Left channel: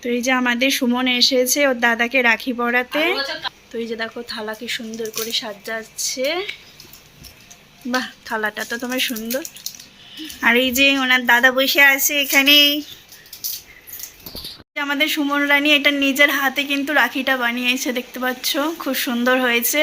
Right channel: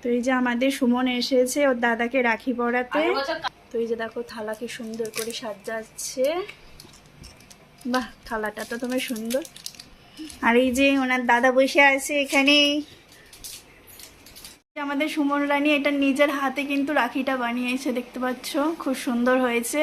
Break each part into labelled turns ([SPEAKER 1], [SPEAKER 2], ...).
[SPEAKER 1] তো এই যে আমাদের সুমন এসেছে ওর দাদাকে রাখি পড়াতে তো এই যে দেখো থালা কি সুন্দর করে সাজাচ্ছে। বাহ থালাটা তো তোমার সুন্দর। আর এই যে ওনার দাদা বসে আছে এখানে। আমাদের সুমন রানী এটা নিজের হাতে কিন্তু রাখিটা বানিয়েছে দেখতে পাচ্ছ? খুব সুন্দর হয়েছে।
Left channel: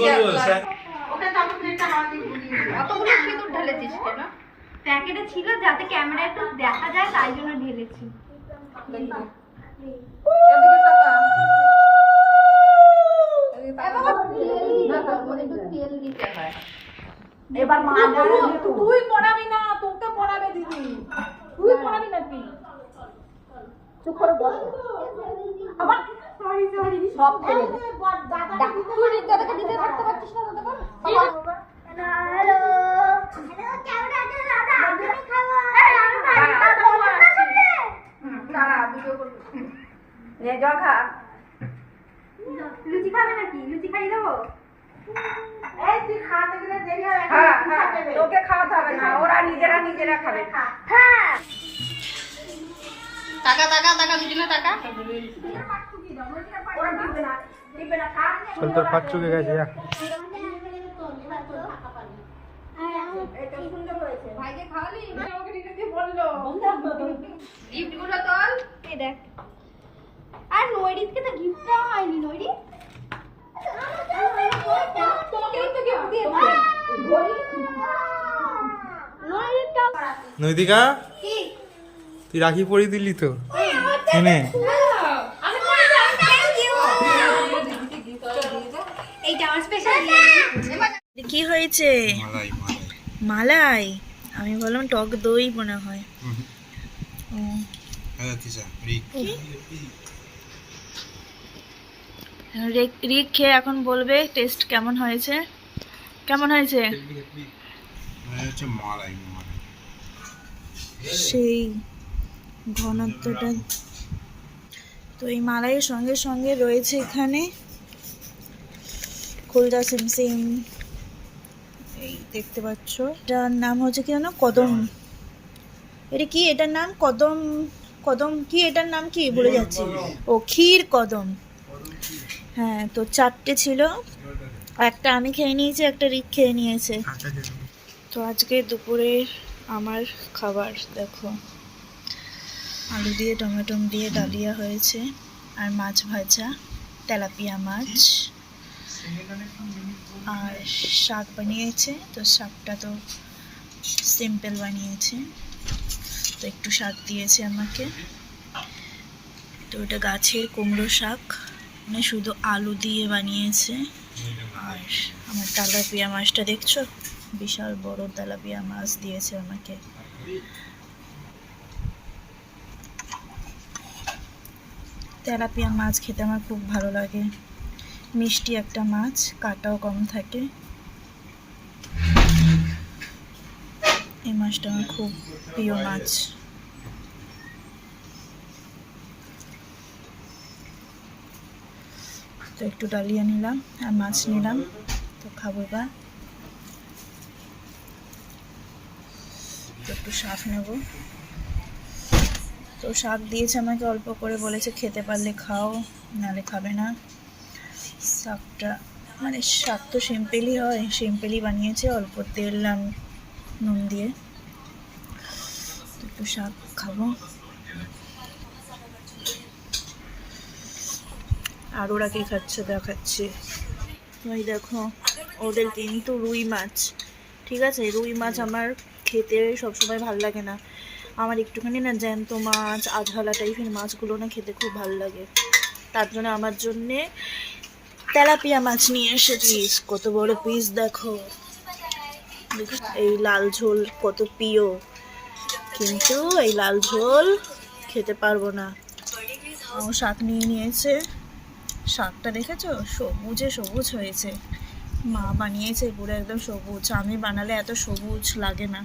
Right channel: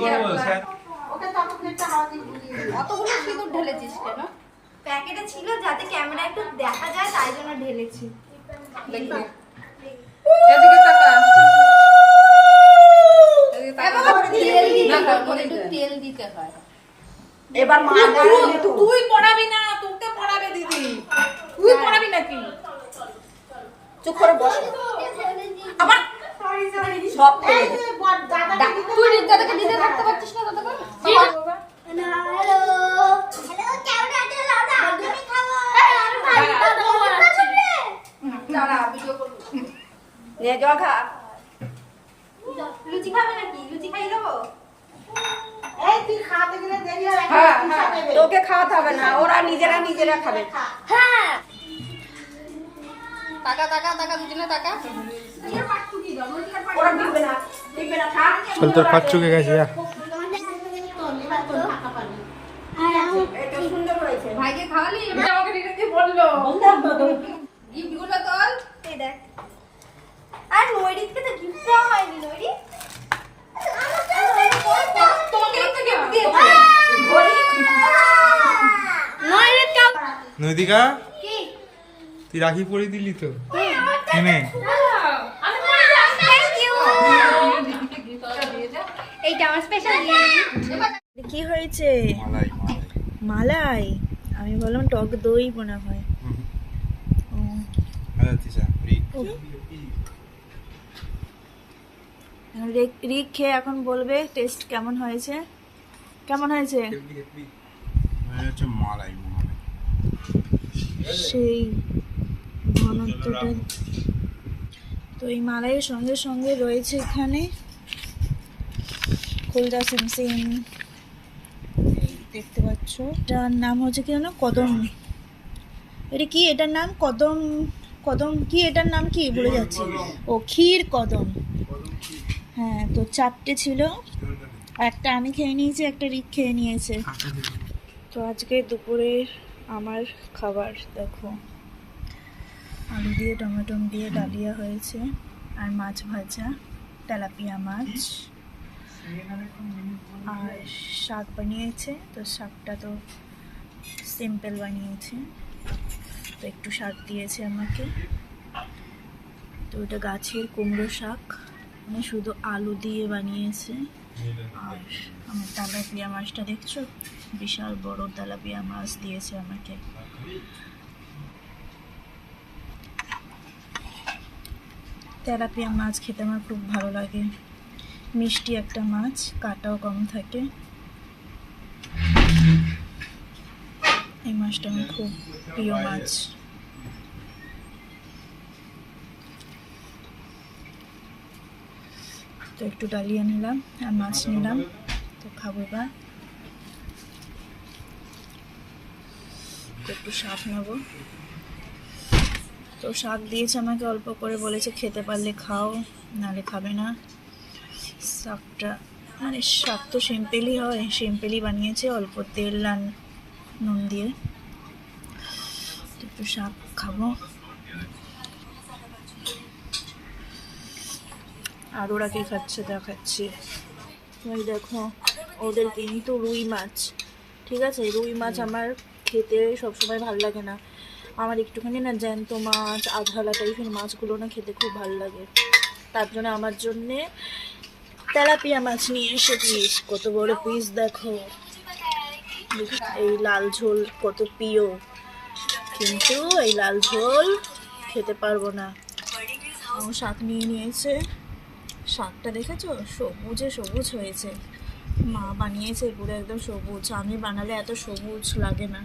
[SPEAKER 2] করব স্যার?
[SPEAKER 3] প্যাকেটে ছিল যাতে ক্যামেরা একটু দেখা যায় তাই জন্য ঢেলেছি
[SPEAKER 4] তেল দিতে হয়।
[SPEAKER 5] তুই পড়াবি না তোকে পড়াবে দিদি। তুই পড়াবি নাকি?
[SPEAKER 4] চুপ করে বস।
[SPEAKER 5] আবার
[SPEAKER 4] সব।
[SPEAKER 3] তুই দাদাকে দিতে থাকতে পারছিস না হ্যালো।
[SPEAKER 4] নে জল খা।
[SPEAKER 3] লুচি খাবে নাকি? লুচি খাইয়ে দেবো?
[SPEAKER 4] হ্যাঁ, তোকে খাওয়াতে হবে না ওরা নিজেরা নিজেরা খাবে।
[SPEAKER 3] হ্যাঁ।
[SPEAKER 4] টাকা টাকা টাকা দুজনে টাকা। ওরা দিবে না দিবে না খা।
[SPEAKER 2] চল তোর চুকে গেছে
[SPEAKER 4] এটা সুন্দর হয়েছে
[SPEAKER 5] ভাইকে খাওয়ালি আমাকে বলল গিফটগুলো তোল
[SPEAKER 3] এই দেখ আর নৈরিতকে তো গিফট দেওয়া হয়নি নৈরিত
[SPEAKER 5] তোমাকে তো গিফট দিয়েছে
[SPEAKER 3] নৈরিত কাউ
[SPEAKER 2] নৈতিকা তুই রাখি পরিয়ে দিলি তো। এনে।
[SPEAKER 3] এইটা
[SPEAKER 1] কি হয়েছে?
[SPEAKER 2] মালাই। মালাই
[SPEAKER 1] মালাই আমি বললাম টক দই মনে হয়। ও।
[SPEAKER 2] রিক
[SPEAKER 1] রিক রিক খেয়ে এখন বলবে টেস্ট কেমন হয়েছে? কেমন হয়েছে
[SPEAKER 2] মালাই মালাই।
[SPEAKER 1] সেই ঘনত্বটা। তো এই মালাইয়ের সঙ্গে সঙ্গে রয়েছে এখানে খুলদা সিমসিম। এই দেখতে পাচ্ছ, এটার নাম হচ্ছে কি জানো কদম। এটা কি? এটার নাম কদম কদম কি? এটার নাম কি? ভুলে যাচ্ছি। ও, ক্ষীর কদম। হ্যাঁ তো চারটে ছিল। একটা আমি খেয়ে নিয়েছি, একটা রিক খেয়ে নিয়েছে। তো আজকে দুপুরের আমার খাবার দেখো। আলু দিয়ে টমেটো দিয়ে ডালিয়া হয়েছে আর মাছ ভাজা তেলাপিয়া মাছ আর শাক বানিয়েছে তো শাকটা তো সিম্পল বানিয়েছে। তো একটু শাক দিয়েছে আমাকে। তো ওটা গাছের কুমড়ো শাক। মানে শুধু আলু দিয়ে বানিয়েছে। আর আমার তেলাপিয়া মাছটা দেখছ? বিশাল বড় তেলাপিয়া মাছ দিয়েছে আমাকে। তেলাপিয়া মাছ খেতে আমার খুব ভালো লাগে। মিষ্টি একটা মাছ, কাটাও কম থাকে। এই মাছটা আমার খুব প্রিয় মাছ। তো একটু ডালিয়া নিলাম, আর মাছ নিলাম। তো খাব এবার। একটু শাক নেব। তো শাক দিয়েছে আমাকে, অল্প করে বলেছে খেতে পারলে খাও নালে খাবে না। শাকটা মানে শাক তো সিম্পলই হয়, সিম্পলই বানিয়েছে, অল্প তেল আর নুন দিয়ে। একটু শাক খাব। আর ওরা কি খাচ্ছে দেখাচ্ছি। ওই দেখো, ওদের কিন্তু রুই মাছ, ঠিক আছে? রুই মাছ আমার খেতে সবসময় ভালো লাগে না। আমার একটুখানি না জ্যান্ত মাছ আঝালা টাইপের মাছগুলো না খেতে খুব ভালো লাগে। তার জন্য আমার জন্যে তেলাপিয়া মাছ নিয়ে এসে পিস কত বড় পিস দেখো। এই লাল ঝোল কত প্রিয়। কিন্তু এই লাল ঝোল খেতে পারব না। শাক নিয়ে নিয়েছে। শাকটা দেখেছ? সবুজে সবুজ হয়েছে। মা বানিয়েছে পুরো একদম সবুজ। আমি বানালে এত সবুজ লাগে না।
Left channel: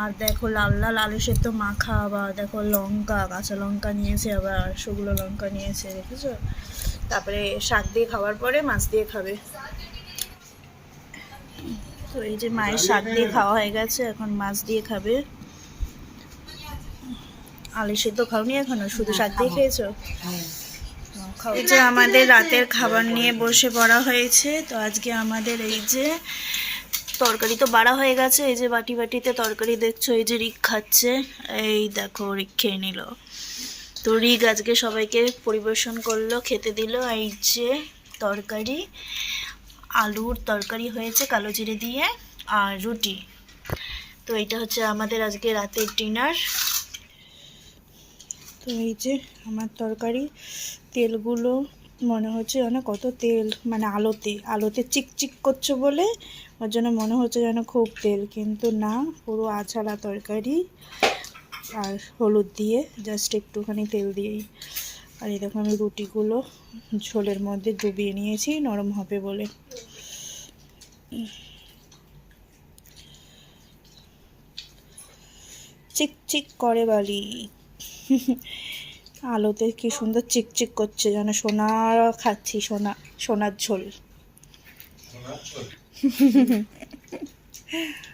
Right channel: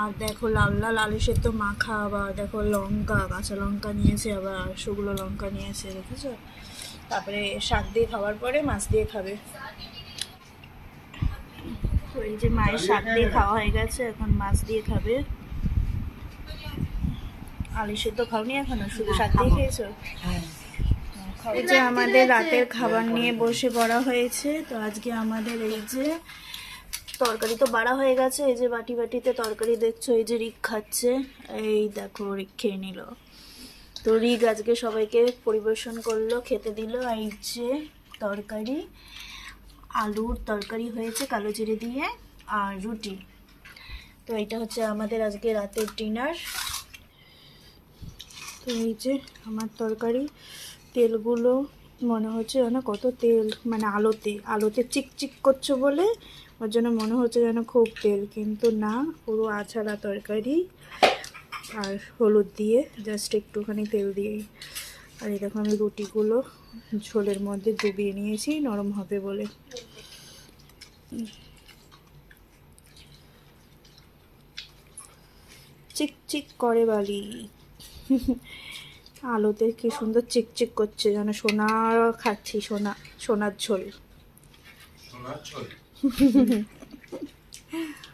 [SPEAKER 1] আর দেখো লাল লাল আলু সেদ্ধ মাখা আবার দেখো লঙ্কা কাঁচা লঙ্কা নিয়েছে আবার শুকনো লঙ্কা নিয়েছে দেখেছ? তারপরে শাক দিয়ে খাওয়ার পরে মাছ দিয়ে খাবে। তো এই যে মায়ের শাক দিয়ে খাওয়া হয়ে গেছে এখন মাছ দিয়ে খাবে। আলু সেদ্ধ খাওনি এখনও? শুধু শাক দিয়ে খেয়েছো? খাও। এই যে আমাদের রাতের খাবার নিয়ে বসে পড়া হয়েছে, তো আজকে আমাদের এই যে তরকারি তো বাড়া হয়ে গেছে, এই যে বাটি বাটিতে তরকারি দেখছ, এই যে রিক খাচ্ছে, এই দেখো রিক খেয়ে নিল। তো রিক আজকে সবাইকে পরিবেশন করল, খেতে দিল, এই যে তরকারি, আলুর তরকারি হয়েছে কালো জিরে দিয়ে আর রুটি। তো এটা হচ্ছে আমাদের আজকে রাতের ডিনার। তো এই যে আমার তরকারি তেলগুলো মনে হচ্ছে যেন কত তেল মানে আলোতে আলোতে চিকচিক করছে বলে ওর জন্য মনে হচ্ছে যেন খুব তেল। কিন্তু না, পুরো আছাড়া তরকারি আর হলুদ দিয়ে জাস্ট একটুখানি তেল দিয়েই। আর এই দেখো আমি রুটিগুলো ঝোলের মধ্যে ডুবিয়ে নিয়েছি, নরম হবে বলে। চিকচিক করে বালি। আলোতে কি সুন্দর চিকচিক করছে যেন সোনা খাচ্ছি সোনা সোনার ঝোল।